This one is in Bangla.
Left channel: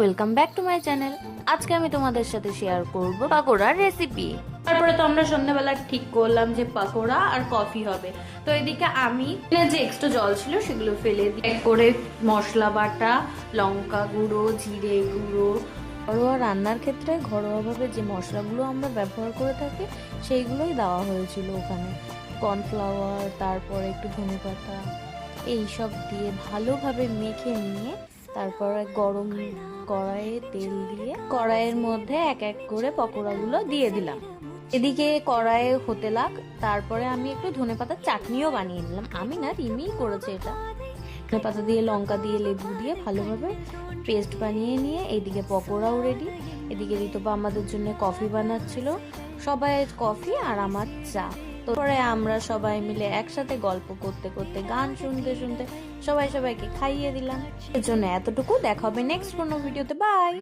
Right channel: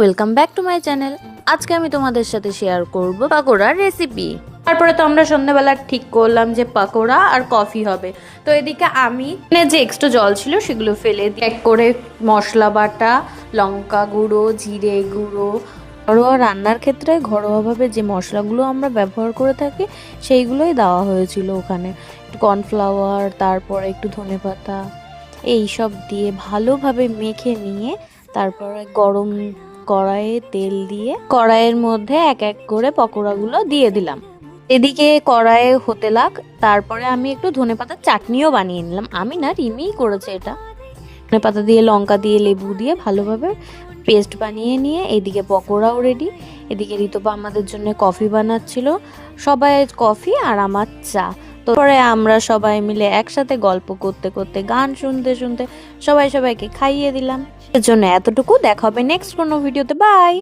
Welcome back to my channel. আজকে আমি তোমাদের সাথে শেয়ার করব পাকোড়ার রেসিপি। তারপরে তো আমরা সন্ধ্যাবেলা ঠিক করলাম যে পাকোড়া আর কফি হবে। তো এদিকে আমি যে এক্সট্রা জল ছিল সেগুলো ফেলে দিয়ে এক করে মশলা বাটা, লঙ্কা গুঁড়ো, জিরে গুঁড়ো, ঘরোয়া রান্নার ক্ষেত্রে ঘরোয়াভাবে যে মশলাগুলো আমরা ব্যবহার করে থাকি সেইগুলোই দেওয়া হয়েছিল ওখানে। কর্নফ্লাওয়ার, তারপরে একটু ধনেপাতা, এই সব দিয়ে ভালোভাবে মেখে নিয়ে তারপরে গরম কড়াইয়ে তেল দিয়ে কড়াইয়ের মধ্যে এক এক করে পকোড়াগুলো দিয়ে দিলাম। এদিকে কড়াইয়ে হতে লাগ, তারপরে আমি একটু ধনেপাতার চাটনিও বানিয়ে নিলাম। আমি না, রিমিই করেছে এটা। ধনেপাতা দিয়ে, লঙ্কা দিয়ে, লেবু দিয়ে ভালোভাবে পেস্ট বানিয়ে নিয়ে এদিকে পকোড়াও রেডি। এদিকে ঋতুপা আমাদের জন্য কফি বানাচ্ছিল, সবাই কফি আর আমার চা। তারপরে আমরা সবাই মিলে একসাথে গল্প করতে করতে, গান শুনতে শুনতে সবাইকে খাইয়ে দিলাম। এর জন্য এতটুকু। দেখা হবে নেক্সট কোনো ভিডিওতে। বাই।